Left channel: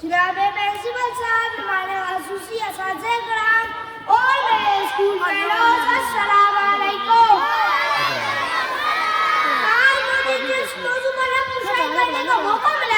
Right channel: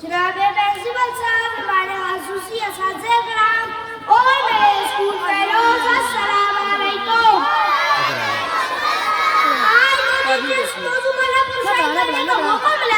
जनाब प्रिंसिपल साहब, हमारे खासूसी असातिज़े कराम और मेरे स्कूल फेलोज, अस्सलाम वालेकुम। आज मुझे जिस मौजू पर आपको शायद करने का मौका मिला